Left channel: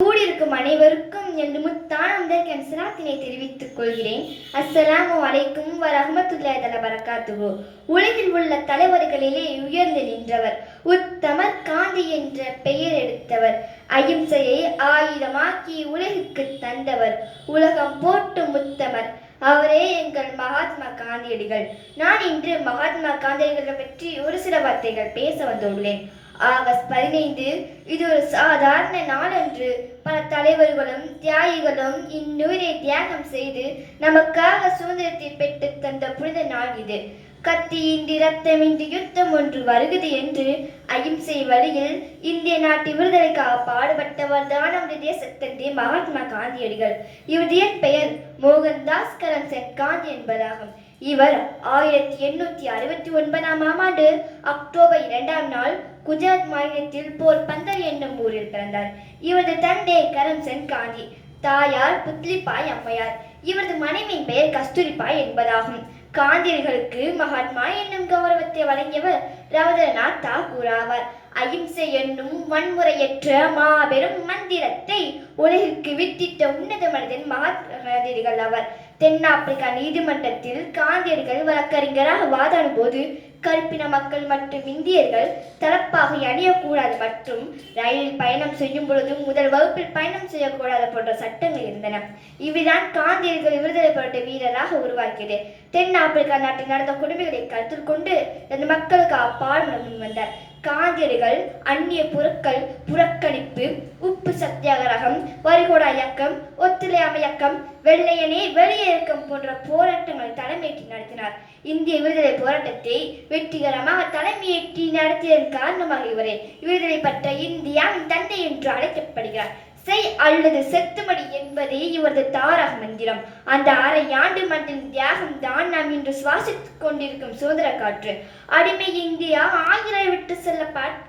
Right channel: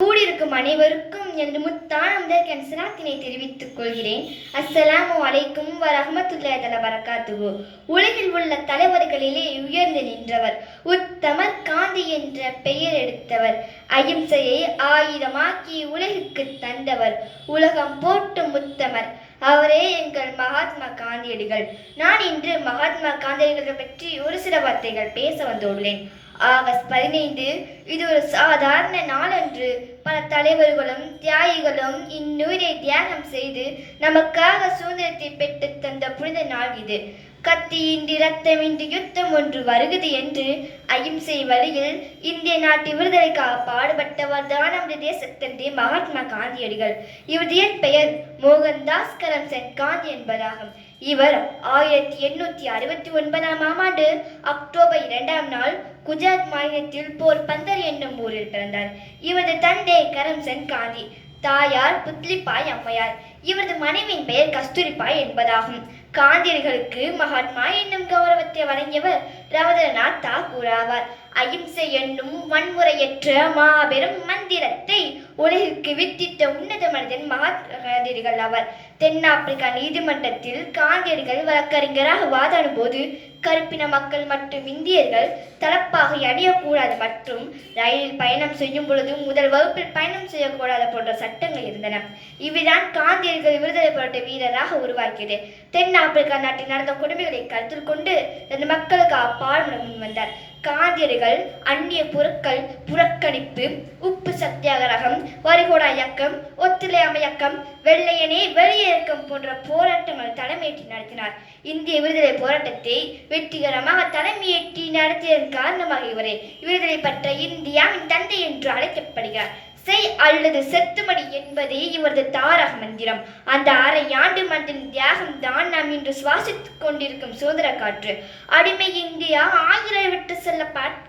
கூடியிருக்கும் அனைவருக்கும் எனது முத்தான முதற்கண் சலாத்தினை தெரிவித்துக் கொள்கிறேன். அஸ்ஸலாமு அலைக்கும் வரஹ்மத்துல்லாஹி வபரகாத்துஹு. உலகில் உள்ள தலைவர்களிலே உயர்ந்து நின்றவர், உத்தமர், காந்தி என்ற பெயர் எடுத்தவர், அகிம்சையை ஆயுதமாக்கி உலகிற்கு தந்தவர், உலகம் போற்றும் உத்தமர், அவரே எங்கள் மகாத்மா காந்தியடிகள். நான் இன்று மகாத்மா காந்தியடிகளை பற்றி ஒரு சில வார்த்தைகள் பேச வந்துள்ளேன். ஆகஸ்ட் 15 இது ஒரு சாதாரண நாளன்று. பல தலைவர்களும் தியாகிகளும் இந்நூரை தியாகம் செய்து நமக்காக சுதந்திரத்தை பெற்று தந்த புனித நாள் இது. கத்தியின்றி ரத்தமின்றி யுத்தம் ஒன்று வருகிறது என்று அகிம்சை வழியில் இந்திய நாட்டு விடுதலைக்காக பாடுபட்டவர் தான் நம்முடைய தேசத்தந்தை மகாத்மா காந்தியடிகள். இவருடைய பெயர் மோகன்தாஸ் கரம்சந்த் காந்தி என்பதாகும். இவர் 1869ஆம் ஆண்டு அக்டோபர் 2ஆம் நாள் குஜராத் மாநிலத்தில் போர்பந்தர் என்னும் ஊரில் பிறந்தார். இவரது தந்தை கரம்சந்த் காந்தி, தாயார் புத்லிபாய் அம்மையார். இவரது மனைவியின் பெயர் கஸ்தூரிபாய் என்பதாகும். காந்தியடிகளுக்கு மகாத்மா என்னும் கௌரவத்தை வழங்கியவர் ரவீந்திரநாத் தாகூர் ஆவார். அகிம்சை என்னும் வன்முறையற்ற மாபெரும் மந்திரத்தை உலகிற்கு வித்திட்ட உன்னத மனிதன் மகாத்மா காந்தியடிகள் ஆவார். தென்னாப்பிரிக்கா நீதிமன்றத்தில் காந்தியடிகள் வழக்கறிஞராக வாதாடும் போது கருப்பின மக்கள் மற்றும் இந்தியர்கள் தலப்பாகை அணியக்கூடாது மற்றும் ரயிலில் பயணம் செய்யும் பொழுது முதல் வகுப்பில் பயணம் செய்யக்கூடாது போன்ற சட்டங்கள் இருந்தன. இவைதான் காந்தியடிகள் விடுதலை போராட்ட வீரராக உருவாக்கியது. தென்னாப்பிரிக்கா நாட்டில் நடந்த கொடுமைகளை கருத்தில் கொண்டு அந்த மக்களுக்கு பாடுபட முன் வந்தார். காந்தியடிகள் அந்நிய பொருட்கள் புறக்கணிப்பு, உப்பு சத்தியாகிரகம், வரிகோடா இயக்கம், ஒத்துழையாமை இயக்கம், வெள்ளையனே வெளியே இயக்கம் போன்ற போராட்டங்களை தலைமையேற்றி நடத்தினார். இந்திய விடுதலை போராட்டத்தை வெற்றிகரமாக தலைமையேற்றி நடத்தியதன் காரணமாக இவரை விடுதலை பெற்ற இந்தியாவின் தந்தை என்று அழைக்கப்படுகிறார். செய் அல்லது செத்துமடி என்பதே இவரது தாரக மந்திரம். அந்த அரை ஆண்டு மண்ணின் தியாகம் தான் நாம் இன்று சுவாசித்துக் கொண்டிருக்கும் சுதந்திர காற்று. அடிமை இந்தியா ஆங்கிலேய விட்டு செல்ல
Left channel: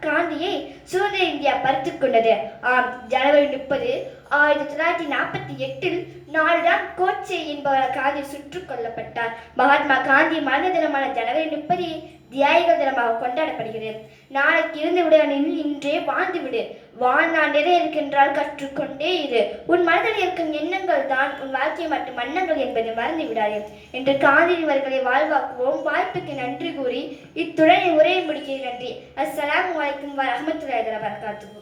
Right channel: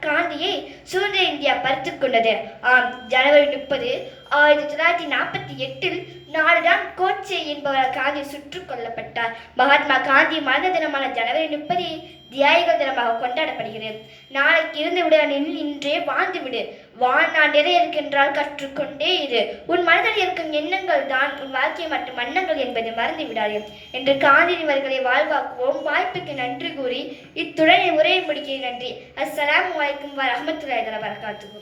காந்தியை சுதந்திர இந்தியா பறித்துக் கொண்டது. ஆம், ஜனவரி 30, 1948 நாடுதான் கோட்சே என்பவர் காந்தி சுட்டுக் கொல்லப்பட்டார். மகாத்மா காந்தி மரண தினமான ஜனவரி 30 தியாகிகள் தினமாக கொண்டாடப்படுகிறது. நாளைக்கு இருந்து விட இன்றே வாழ்ந்து விடு. வாழ்நாள் நிறைய இருக்கின்றால் கற்றுக்கொண்டே இரு. உன் மனதில் இருக்கும் எண்ணங்கள் தான் உன் வாழ்க்கை மற்றும் எண்ணங்கள் என்பதை மறந்து விடாது என்று காந்தியடிகளை வாழ்வாக்குவோம். வாய்ப்புக்கு நன்றி கூறி இத்துடன் உரையை முடிக்கிறேன். நன்றி. அஸ்ஸலாமு அலைக்கும் வரஹ்மத்துல்லாஹி வபரகாத்துஹு.